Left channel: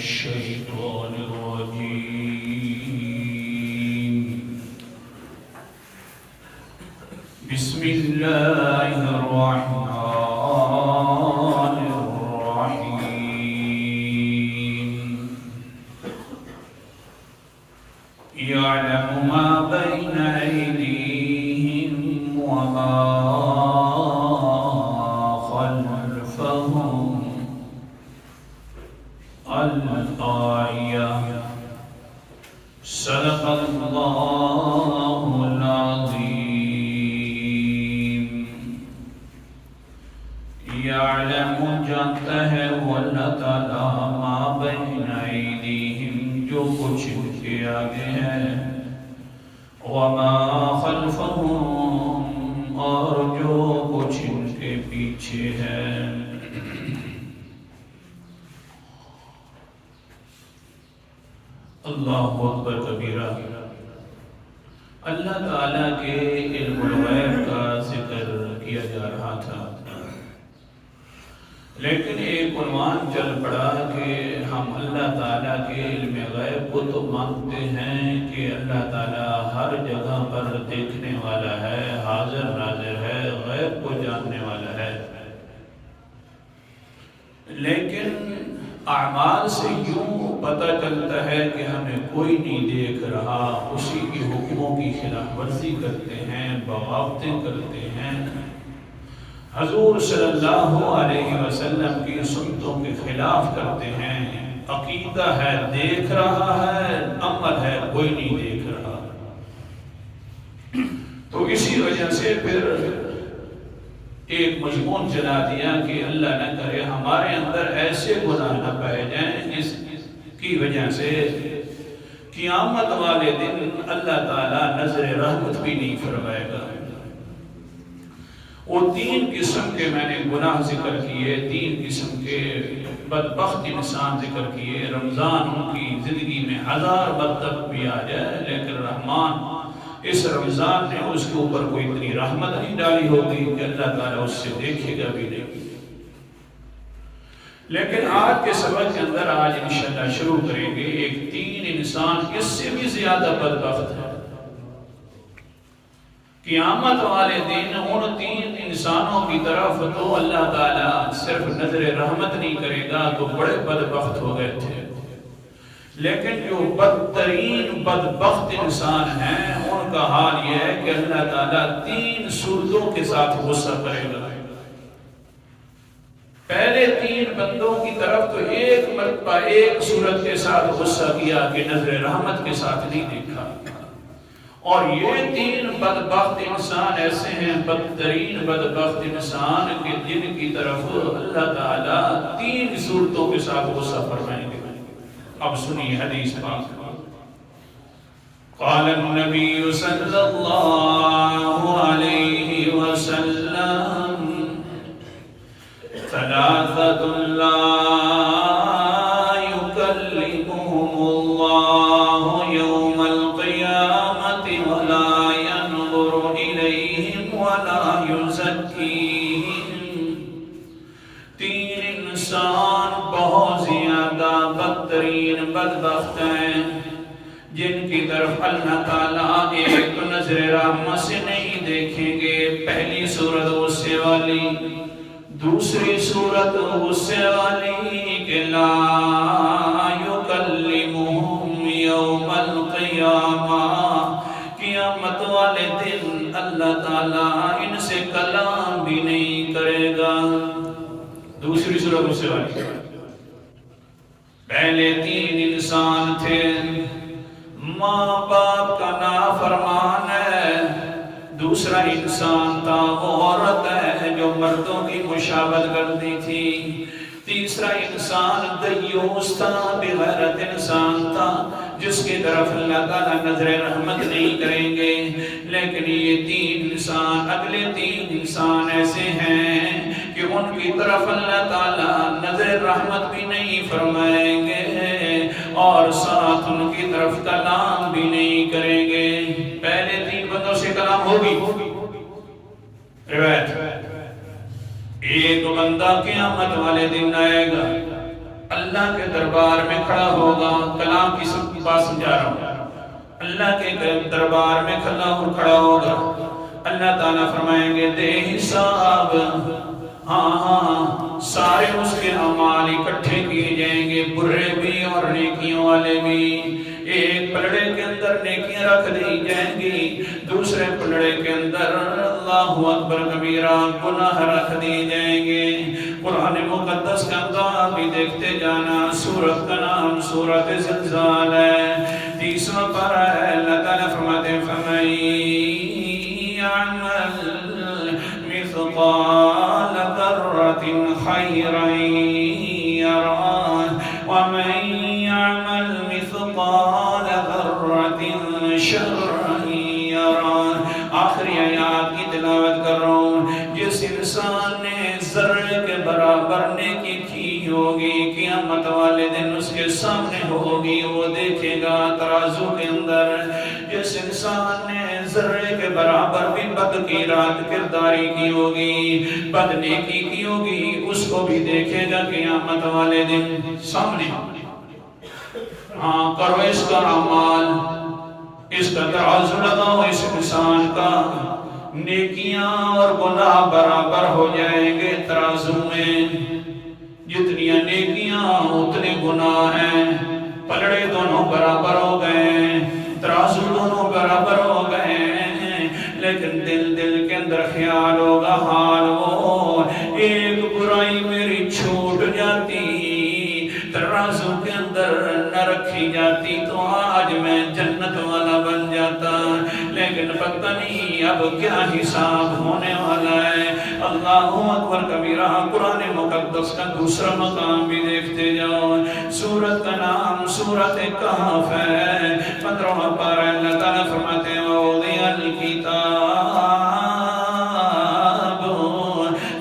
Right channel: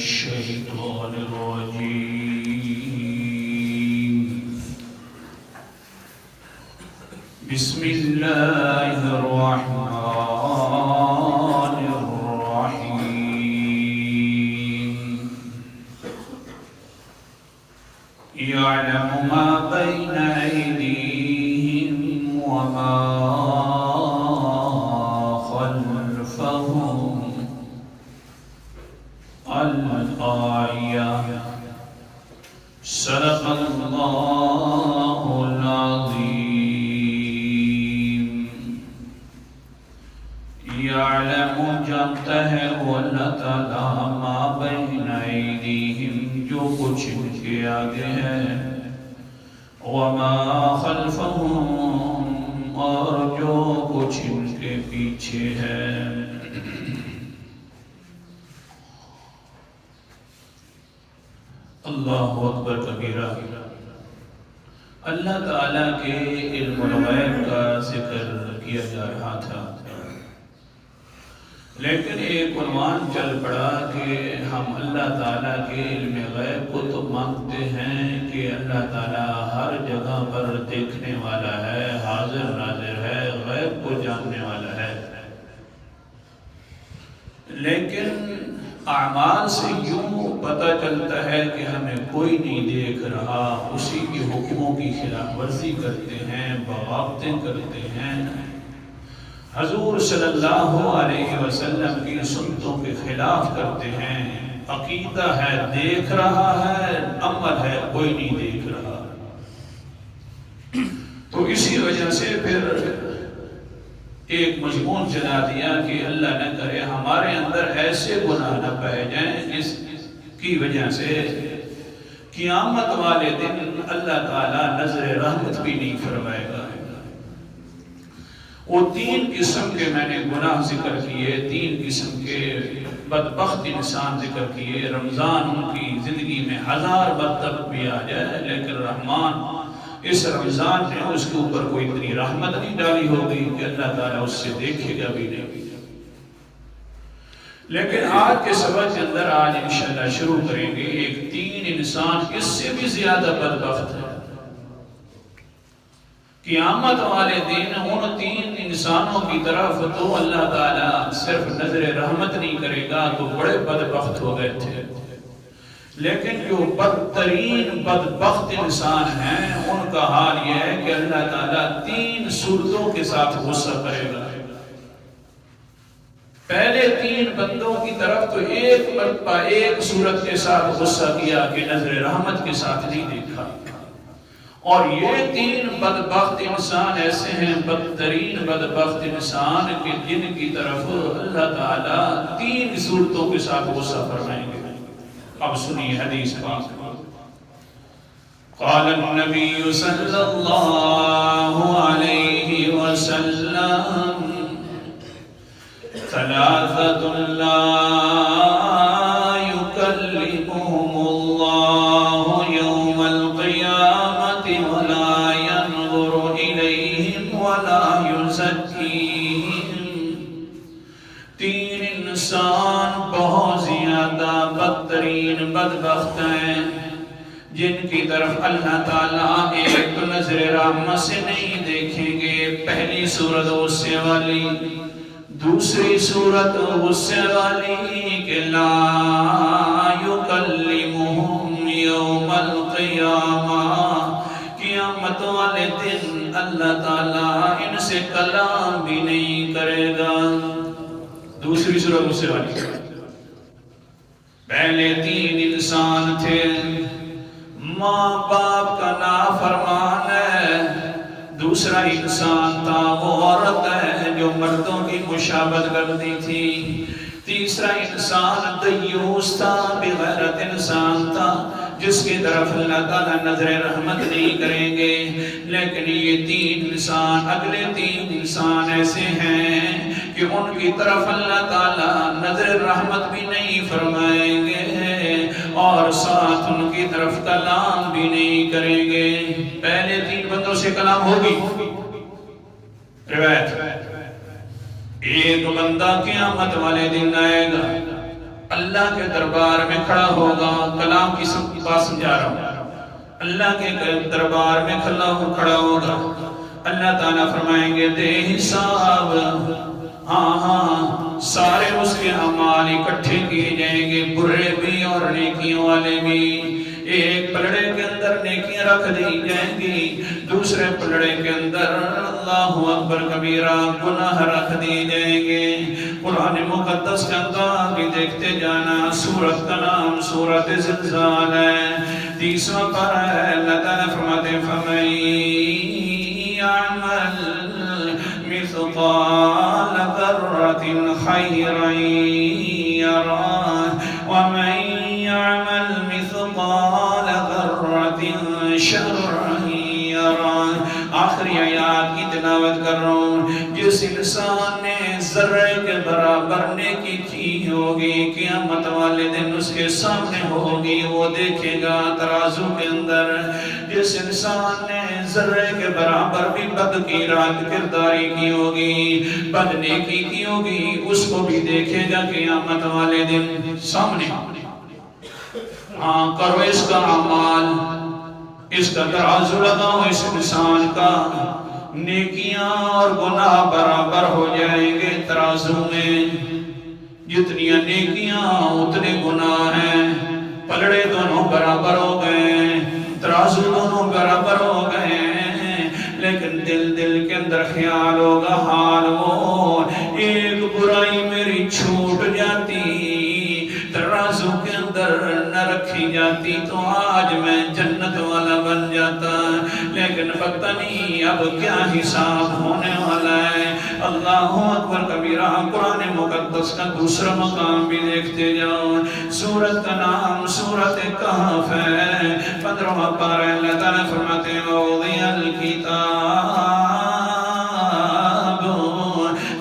الشيطان الرجيم بسم الله الرحمن الرحيم يعلم ما بين أيديهم وما خلفهم الآية صدق الله العظيم يعلم جانتا ہے وہ اللہ تعالیٰ ما بین ایدیہم جو کچھ ان کے آگے ہے وما خلفهم اور جو کچھ ان کے پیچھے ہے اللہ اکبر کبیرہ اللہ تعالیٰ کے علم الغیب کا ذکر کیا جا رہا تھا لیکن ایک عنوان چل پڑا کہ ہم اللہ تعالیٰ کے علم غیب کو تو مانتے ہیں کہ اللہ تعالیٰ ہر جگہ پر دیکھنے والا ہے حاضر ناظر ہے غیب کو جاننے والا ہے لیکن اعمال سے یوں پتہ چلتا ہے کہ ہمیں کوئی نہیں دیکھ رہا اسی کے حکموں کی خلاف ورزی کرتے ہیں بغاوتیں کرتے ہیں حضور صلی اللہ علیہ وسلم کی سنتوں کے خلاف کرتے ہیں عقیدہ ہے دیکھ رہا ہے عمل ہے کوئی نہیں دیکھ رہا تو اسی وجہ سے پھر ایک مضمون چلا دیا کہ اللہ نہ کرے ہمارے اندر ایسے گناہ نہ پائے جائیں جس کی وجہ سے قیامت والے دن اللہ تعالیٰ نظر رحمت بھی نہیں فرمائے گا وہ تین قسم کے میں نے گناہ ذکر کیے تین قسم کے بدبخت انسان ذکر کیے رمضان کی زندگی میں ہزار بدبخت بھی آ جائے لیکن رحمان اس رمضان نے اس کے اوپر کوئی اتنی رحمت نہیں ڈالی ہوگی کہ اللہ تعالیٰ اس سے دیکھے گا بھی نہیں لیکن آج کے سبق کے اندر آج انشاءاللہ شروع کریں گے ایک تین انسان اس سے بھی زیادہ بدبخت ہے قیامت والے دن ان تین انسانوں کی طرف تو اللہ تعالیٰ صرف نظر رحمت نہیں کرے گا تو بڑے بدبخت ہو گئے تھے لیکن جو بدترین بدبخت انسان ہیں ان کا حال یہ ہے کہ اللہ تعالیٰ تین صورتوں کے ساتھ غصہ کرے گا پہلے تین بندوں کی طرف تو ایک مرتبہ ایک صورت کے ساتھ غصہ کیا کہ نظر رحمت کے ساتھ نہیں دیکھا اور یہ تین بدبخت انسان ایسے ہیں بدترین بدبخت انسان کہ جن کی طرف اللہ تعالیٰ تین صورتوں کے ساتھ غصہ فرمائیں گے اب سنیے حدیث پاک قال النبی صلی اللہ علیہ وسلم ثلاثة لا يكلمهم الله يوم القيامة ولا ينظر إليهم ولا يزكيهم تین انسان بہت زیادہ بدترین بدبخت ہیں جن کی طرف اللہ تعالیٰ ایک نظر رحمت سے نہیں دیکھیں گے پہلی صورت غصے والی دوسری صورت غصے والی کہ لا یکلمہم یوم القیامہ قیامت والے دن اللہ تعالیٰ ان سے کلام بھی نہیں کرے گا دوسری صورت غصے والی پہلے تین انسان تھے ماں باپ کا نافرمان ہے دوسرا انسان تھا وہ عورت ہے جو مردوں کی مشابہت کرتی تھی تیسرا انسان دیوس تھا بغیرت انسان تھا جس کی طرف اللہ تعالیٰ نظر رحمت نہیں کریں گے لیکن یہ تین انسان اگلے تین انسان ایسے ہیں کہ ان کی طرف اللہ تعالیٰ نظر رحمت بھی نہیں فرمائیں گے اور ساتھ ان کی طرف کلام بھی نہیں کریں گے پہلے تین بندوں سے کلام ہوگی روایت ایک بندہ قیامت والے دن آئے گا اللہ کے دربار میں کھڑا ہوگا. کلام کی سب بات سمجھا رہا ہوں. اللہ کے دربار میں کھڑا ہوگا. اللہ تعالیٰ فرمائیں گے دے حساب. ہاں سارے اس کے اعمال اکٹھے کیے جائیں گے، برے بھی اور نیکیوں والے بھی. ایک پلڑے کے اندر نیکیاں رکھ دی جائیں گی، دوسرے پلڑے کے اندر اللہ اکبر کبیرہ گناہ رکھ دی جائیں گے. قرآن مقدس کا انداز بھی دیکھتے جانا. سورت کا نام سورت زلزال ہے، 30واں پارہ ہے. اللہ تعالیٰ فرماتے ہیں فَمَن يَعْمَلْ مِثْقَالَ ذَرَّةٍ خَيْرًا يَرَهُ وَمَن يَعْمَلْ مِثْقَالَ ذَرَّةٍ شَرًّا يَرَهُ. آخری آیات کی تلاوت کر رہا ہوں. جس انسان نے ذرے کے برابر نیکی کی ہوگی، قیامت والے دن اس کے سامنے ہوگی، وہ دیکھے گا ترازو کے اندر. جس انسان نے ذرے کے برابر بھی بد کی رات کرداری کی ہوگی، بد نیکی کی ہوگی، اس کو بھی دیکھے گا قیامت والے دن سامنے. ہاں کرو اس کا اعمال، اس کا ترازو لگاؤ اس انسان کا. نیکیاں اور گناہ برابر ہو جائیں گے ترازو میں. جتنی نیکیاں اتنے گناہ ہیں. پلڑے دونوں برابر ہو گئے، ترازو دونوں برابر ہو گئے. لیکن دل کے اندر خیال ہوگا حال وہ ایک برائی میری چھوٹ جاتی، ترازو کے اندر نہ رکھی جاتی تو آج میں جنت والا بن جاتا. لیکن پتہ نہیں اب کیا حساب ہونے والا ہے. اللہ اکبر کبیرہ. قرآن مقدس کا دوسرا مقام بھی دیکھتے جاؤ. سورت کا نام سورت کہف ہے، 15واں پارہ. اللہ تعالیٰ فرماتے ہیں وَوُضِعَ الْكِتَابُ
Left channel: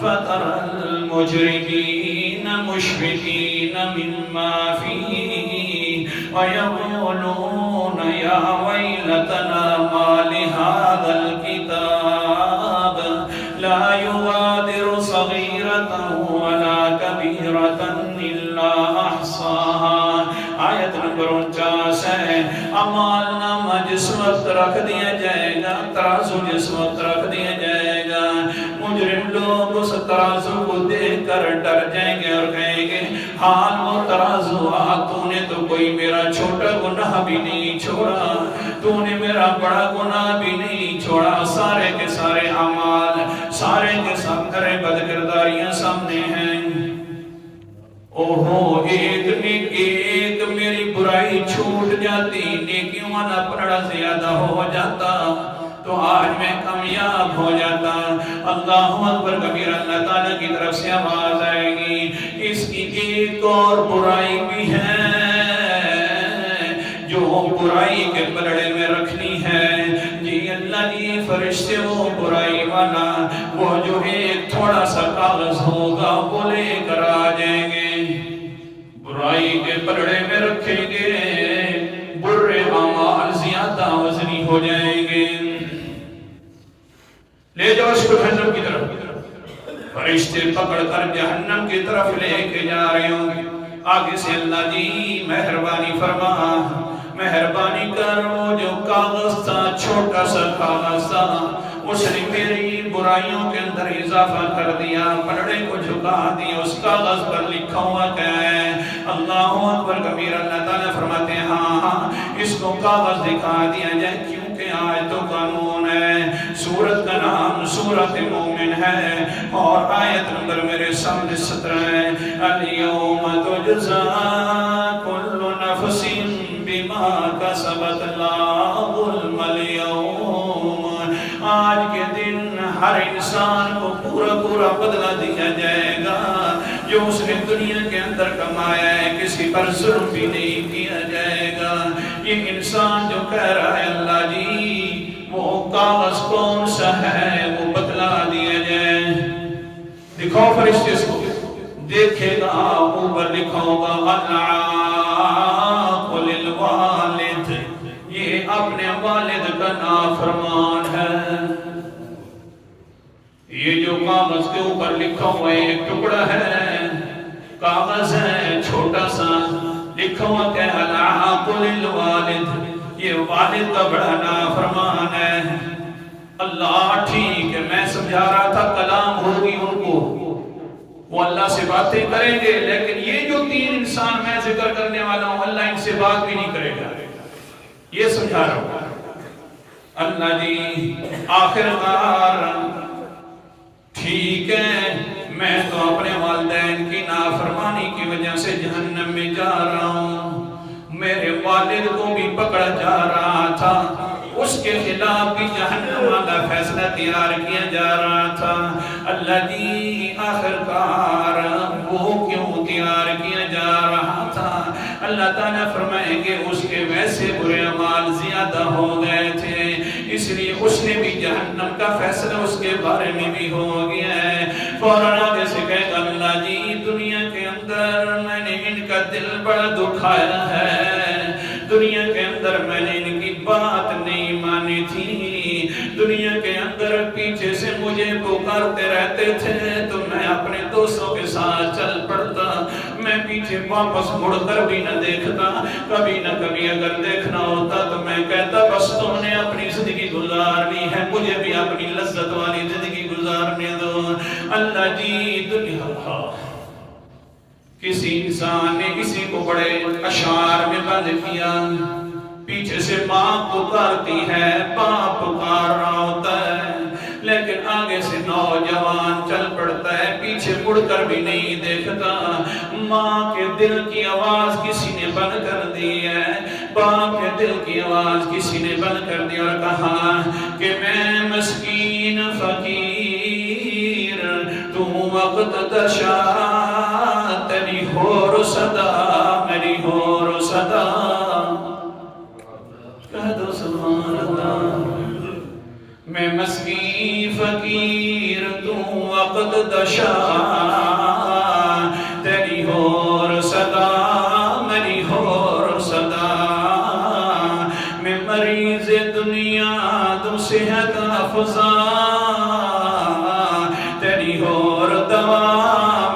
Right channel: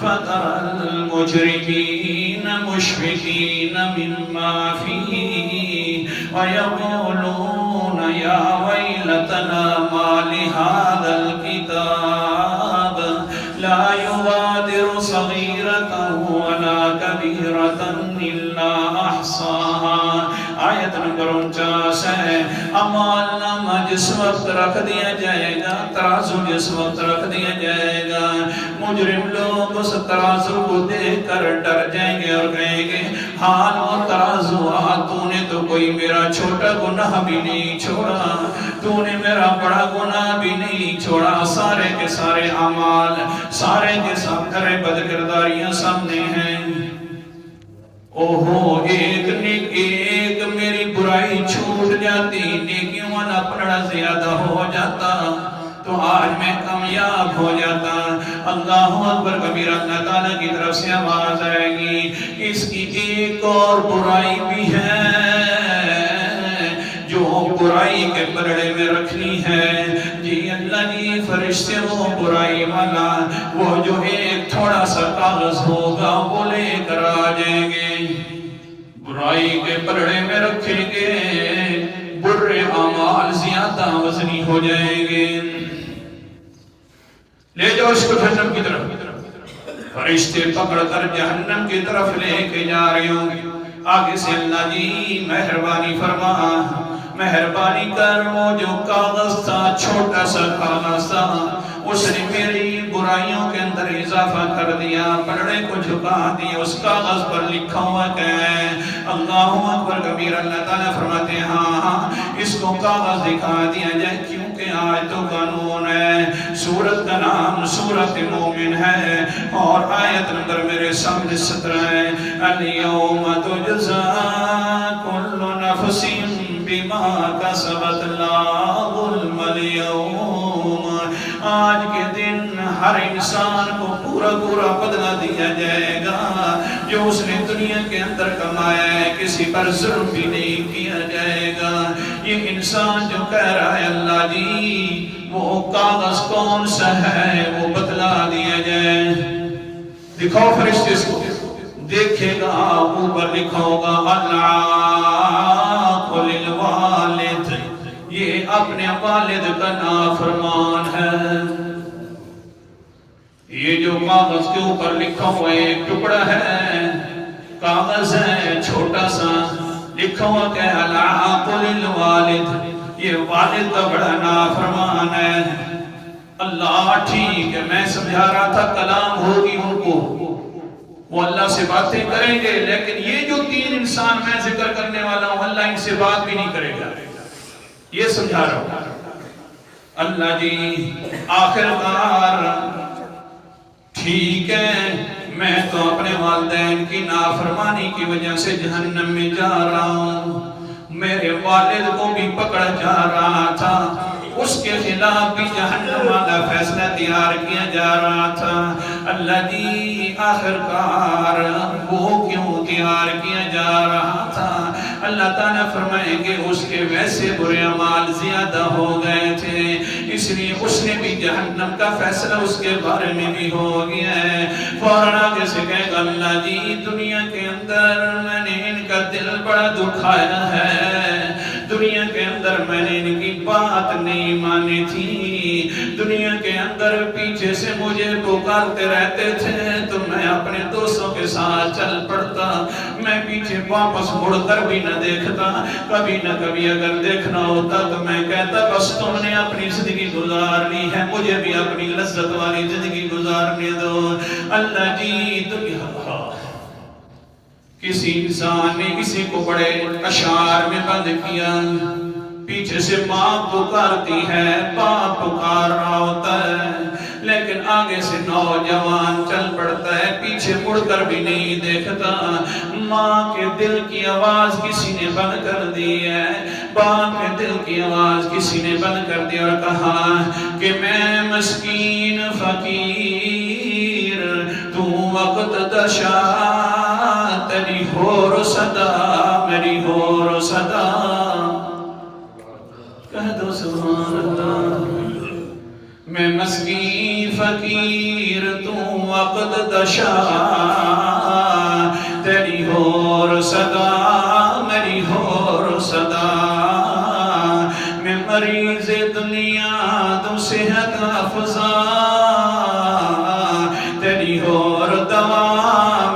فَتَرَى الْمُجْرِمِينَ مُشْفِقِينَ مِمَّا فِيهِ وَيَقُولُونَ يَا وَيْلَتَنَا مَا لِهَذَا الْكِتَابِ لَا يُغَادِرُ صَغِيرَةً وَلَا كَبِيرَةً إِلَّا أَحْصَاهَا. آیت نمبر 49 ہے. اعمال نامہ جس وقت رکھ دیا جائے گا، ترازو جس وقت رکھ دیا جائے گا، مجرم لوگ اس ترازو کو دیکھ کر ڈر جائیں گے اور کہیں گے حال وہ ترازو تو نے تو کوئی میرا چھوٹا گناہ بھی نہیں چھوڑا، تو نے میرا بڑا گناہ بھی نہیں چھوڑا. سارے کے سارے اعمال، سارے کے سارے بد کرداریاں سامنے ہیں. اوہو ایک میری برائی چھوٹ جاتی، نیکیوں والا پلڑا زیادہ ہو جاتا تو آج میں کامیاب ہو جاتا. اللہ اکبر کبیرہ. اللہ تعالیٰ کی طرف سے آواز آئے گی اس کی ایک اور برائی بھی ہے جو برائی کے پلڑے میں رکھنی ہے. جی اللہ جی فرشتے وہ برائی والا، وہ جو ایک تھوڑا سا کاغذ ہوگا وہ لے کر آ جائیں گے، برائی کے پلڑے میں رکھیں گے. برے اعمال زیادہ وزنی ہو جائیں گے. لے جاؤ اس کو جہنم کی طرف. فرشتے پکڑ کر جہنم کی طرف لے کے جا رہے ہوں. آگے سے اللہ جی مہربانی فرما، مہربانی کر. وہ جو کاغذ تھا چھوٹا سا کاغذ تھا، اس نے میری برائیوں کے اندر اضافہ کر دیا، پلڑے کو جھکا دیا. اس کاغذ پر لکھا ہوا کیا ہے؟ اللہ اکبر کبیر. اللہ تعالیٰ فرماتے ہیں ہاں اس کو کاغذ دکھا دیا جائے کیونکہ آج تو قانون ہے. سورت کا نام سورت مومن ہے اور آیت نمبر میرے سامنے 17 ہے. الیوم تجزا کل نفس بما کسبت لا ظلم اليوم. آج کے دن ہر انسان کو پورا بدلہ دیا جائے گا جو اس نے دنیا کے اندر کمایا ہے. کسی پر ظلم بھی نہیں کیا جائے گا. یہ انسان جو کہہ رہا ہے اللہ جی وہ کاغذ کون سا ہے وہ بتلا دیا جائے. دکھاؤ فرشتے اس کو. دیکھے گا اوپر لکھا ہوگا اللہ للوالد، یہ اپنے والد کا نافرمان ہے. یہ جو کاغذ کے اوپر لکھا ہوا ایک ٹکڑا ہے، کاغذ ہے چھوٹا سا ہو کہ العاق للوالد، یہ والد کا بڑا نافرمان ہے۔ اللہ ٹھیک ہے، میں سمجھا رہا تھا کلام ہوگی ان کو، وہ اللہ سے باتیں کریں گے، لیکن یہ جو تین انسان میں ذکر کرنے والا ہوں اللہ ان سے بات بھی نہیں کرے گا، یہ سمجھا رہا ہوں۔ اللہ جی آخر کار ٹھیک ہے، میں تو اپنے والدین کی نافرمانی کی وجہ سے جہنم میں جا رہا ہوں، میرے والد کو بھی پکڑ جا رہا تھا، اس کے خلاف بھی جہنم والا فیصلہ تیار کیا جا رہا تھا۔ اللہ جی آخر کار وہ کیوں تیار کیا جا رہا تھا؟ اللہ تعالیٰ فرمائیں گے اس کے ویسے برے اعمال زیادہ ہو گئے تھے، اس لیے اس نے بھی جہنم کا فیصلہ اس کے بارے میں بھی ہو گیا ہے۔ فوراً آگے سے کہے گا اللہ جی دنیا کے اندر میں نے ان کا دل بڑا دکھایا ہے، دنیا کے اندر میں نے ان کی بات نہیں مانی تھی، دنیا کے اندر پیچھے سے مجھے پکارتے رہتے تھے تو میں اپنے دوستوں کے ساتھ چل پڑتا، میں پیچھے واپس مڑ کر بھی نہ دیکھتا، کبھی نہ کبھی اگر دیکھنا ہوتا تو میں کہتا بس تم نے اپنی زندگی گزار لی ہے، مجھے بھی اپنی لذت والی زندگی گزارنے دو۔ اللہ جی دنیا کسی انسان نے کسی کو بڑے اشعار میں بند کیا، پیچھے سے ماں پکارتی ہے، باپ پکار رہا ہوتا ہے، لیکن آگے سے نوجوان چل پڑتا ہے، پیچھے مڑ کر بھی نہیں دیکھتا۔ ماں کے دل کی آواز کسی نے بند کر دی ہے، باپ کے دل کی آواز کسی نے بند کر دی اور کہا کہ میں مسکین فقیر، تو وقت دشا تیری ہور صدا، میری ہور صدا، کہہ دو سبحان اللہ۔ میں مسکین فقیر تو وقت دشا، تیری ہور صدا، میری ہور صدا، میں مریض دنیا تو صحت افزا، تیری ہور دوا،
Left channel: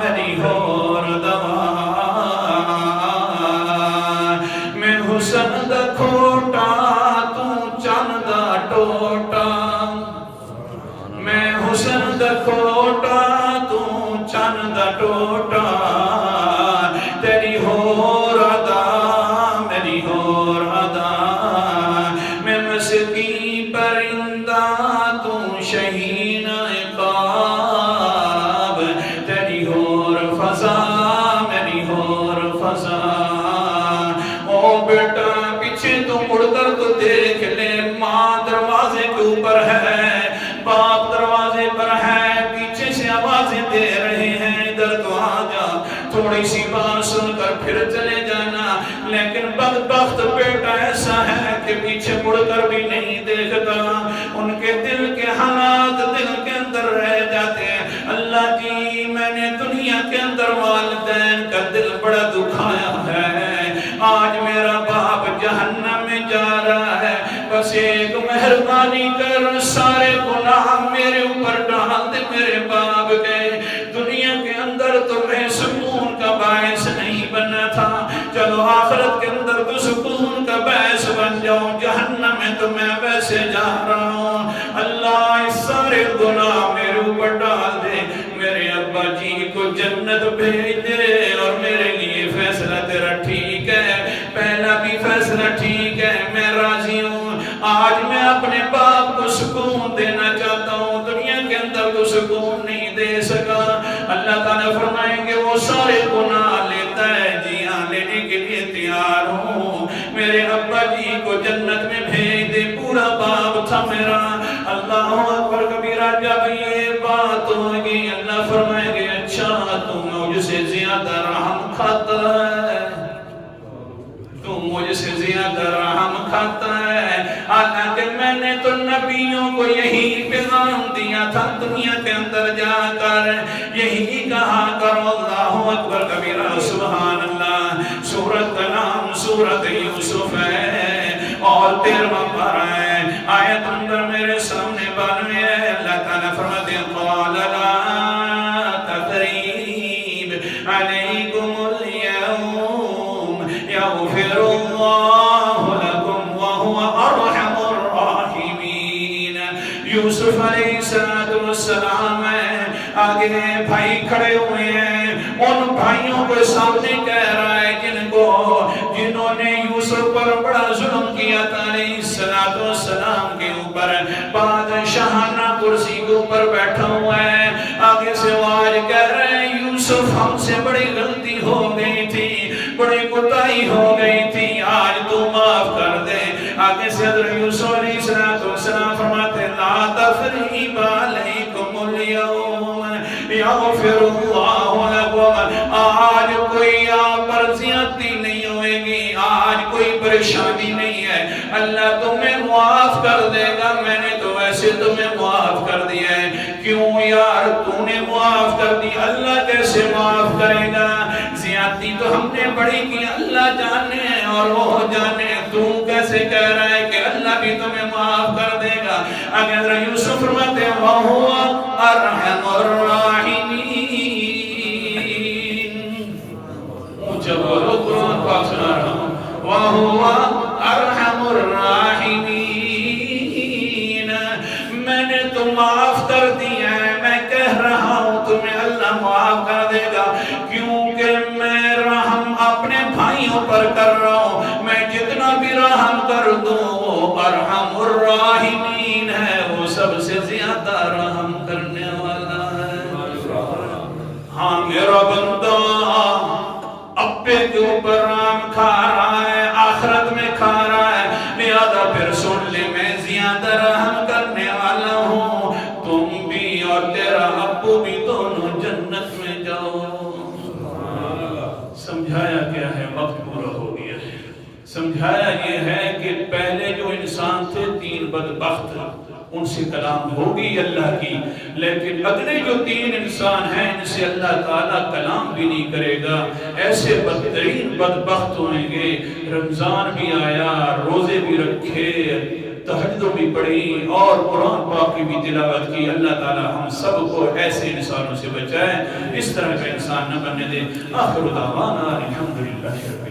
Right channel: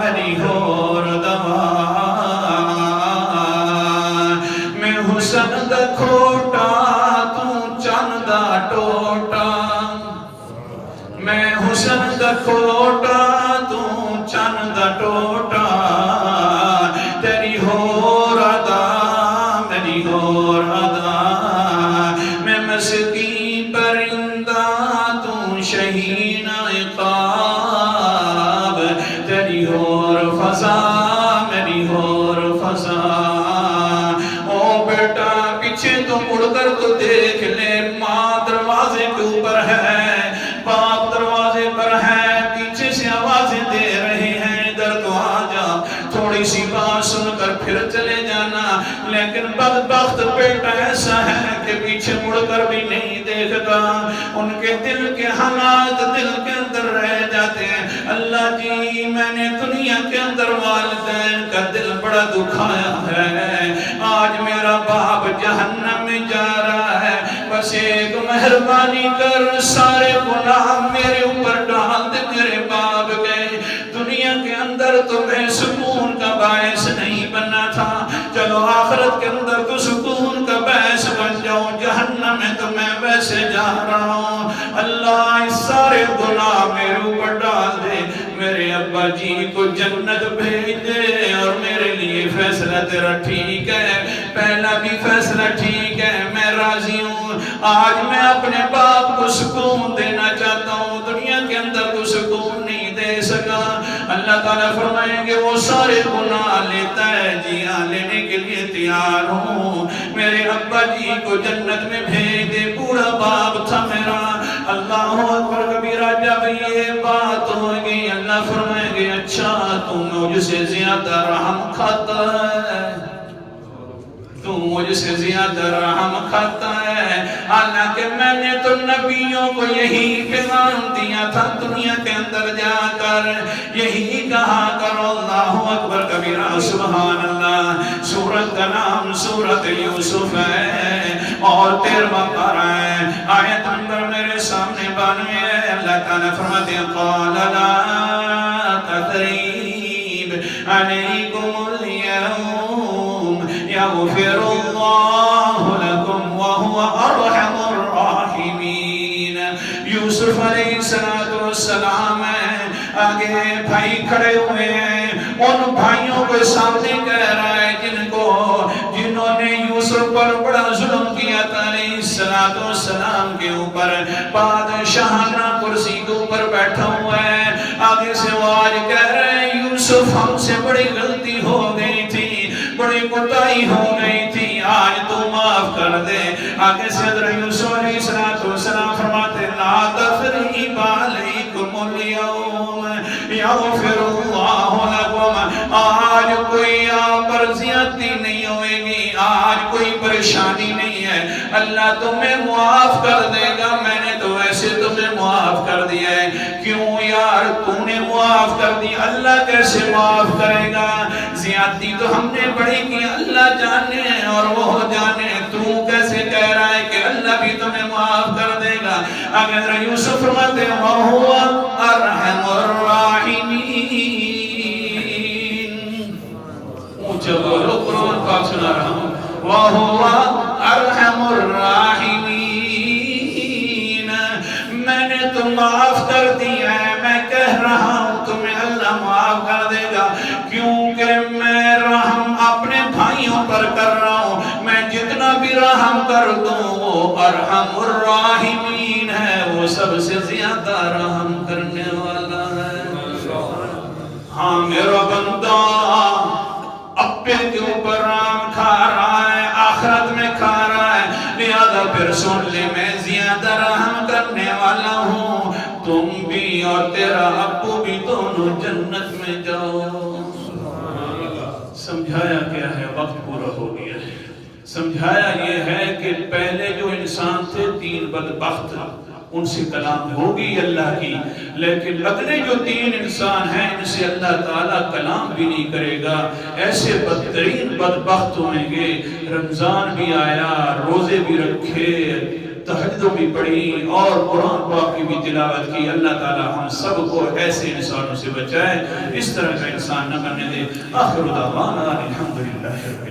میری ہور دوا، میں حسن دا کھوٹا تو چند دا ٹوٹا، میں حسن دا کھوٹا تو چند دا ٹوٹا، تیری ہور ادا، میری ہور ادا، میں مسکین پرندہ تو شہین عقاب، تیری ہور فضا، میری ہور فضا۔ او بیٹا پیچھے تو مڑ کر تو دیکھ لے، ماں دروازے کے اوپر ہے، باپ دروازے پر ہے، پیچھے سے آوازیں دے رہے ہیں ادھر تو آ جا، تھوڑی سی بات سن کر پھر چلے جانا، لیکن بدبخت بیٹا ایسا ہے کہ پیچھے مڑ کر بھی نہیں دیکھتا، ان کے دل کے حالات دل کے اندر رہ جاتے ہیں۔ اللہ جی میں نے دنیا کے اندر والدین کا دل بڑا دکھایا ہے، آج میرا باپ جہنم میں جا رہا ہے، بس ایک مہربانی کر سارے گناہ میرے اوپر ڈال دے میرے باپ کے، دنیا کے اندر تمہیں سکون کا باعث نہیں بننا تھا، چلو آخرت کے اندر تو سکون کا باعث بن جاؤ، جہنم میں تو میں ویسے جا رہا ہوں، اللہ اس سارے گناہ میرے اوپر ڈال دے، میرے ابا جی کو جنت بھیج دے، اور میرے لیے فیصلہ تیرا ٹھیک ہے، پہلا بھی فیصلہ ٹھیک ہے، میں راضی ہوں، آج میں اپنے باپ کو سکون دینا چاہتا ہوں، دنیا کے اندر کو سکون نہیں دے سکا۔ اللہ تعالیٰ فرمائیں گے وہ سارے گناہ لیتا ہے، جی ہاں لینے کے لیے تیار ہوں، میرے ابا جی کو جنت میں بھیج دے، بوڑھا باپ تھا میرا۔ اللہ اکبر کبیرہ، جب یہ بات ہوگی اللہ فرمائیں گے اچھا تو مجھ سے زیادہ رحم کھاتا ہے، تو مجھ سے زیادہ رحم کھاتا ہے، حالانکہ میں نے تو نبیوں کو یہی پیغام دیا تھا، دنیا کے اندر جا کر یہی کہا کرو، اللہ اکبر کبیرہ سبحان اللہ۔ سورت کا نام سورت یوسف ہے اور 13واں پارہ ہے، آیت نمبر میرے سامنے 92 ہے۔ اللہ تعالیٰ فرماتے ہیں قال لا تثریب علیکم اليوم یغفر اللہ لکم وہو ارحم الراحمین۔ یوسف علیہ السلام آگے بھائی کھڑے ہوئے ہیں، ان بھائیوں کے سامنے کہہ رہا ہے جنہوں نے یوسف پر بڑا ظلم کیا تھا علیہ السلام کے اوپر، بادشاہانہ کرسی کے اوپر بیٹھا ہوا ہے، آگے سے وہ آج کہہ رہے ہیں یوسف ہم سے بڑی غلطی ہو گئی تھی، بڑی کوتاہی ہو گئی تھی، آج تو معاف کر دے۔ آگے سے حضرت یوسف علیہ السلام فرماتے لا تثریب علیکم اليوم یغفر اللہ لکم، آج کوئی آپ پر زیادتی نہیں ہوئے گی، آج کوئی پریشانی نہیں ہے، اللہ تمہیں معاف کر دے گا، میں نے تو ویسے تمہیں معاف کر دیا ہے، کیوں یار تو نے معاف کر دی، اللہ کیسے معاف کرے گا، زیادتی تو ہم نے بڑی کی، اللہ جانے اور وہ جانے، تو کیسے کہہ رہا ہے کہ اللہ بھی تمہیں معاف کر دے گا۔ اگر یوسف فرماتے وَهُوَ أَرْحَمُ الراحمین، اونچا بولو قرآن پاک سنا رہا ہوں، وَهُوَ أَرْحَمُ الراحمین، میں نے تو معاف کر دیا ہے، میں کہہ رہا ہوں تمہیں اللہ معاف کر دے گا، کیونکہ میں رحم اپنے بھائیوں پر کر رہا ہوں، میں جتنا بھی رحم کر دوں وہ ارحم الراحمین ہے، وہ سب سے زیادہ رحم کرنے والا ہے۔ ہاں میرا بندہ اپنے کے اوپر رحم کھا رہا ہے، آخرت میں کھا رہا ہے، لہذا پھر سن لے میں زیادہ رحم کرنے والا ہوں، تم بھی اور تیرا ابو بھی دونوں جنت میں جاؤ۔ سمجھایا کیا ہے؟ وقت پورا ہو گیا ہے۔ سمجھایا یہ ہے کہ پہلے جو انسان تھے تین بدبخت، ان سے کلام ہوگی اللہ کی، لیکن اگلے جو تین انسان ہیں ان سے اللہ تعالیٰ کلام بھی نہیں کرے گا، ایسے بدترین بدبخت ہوئیں گے۔ رمضان بھی آیا، روزے بھی رکھے، تہجد بھی پڑھی اور قرآن پاک کی بھی تلاوت کی، اللہ تعالیٰ ہم سب کو ایسے انسانوں سے بچائے، اس طرح کا انسان نہ بننے دے۔ آخر دعوانا الحمدللہ رب العالمین۔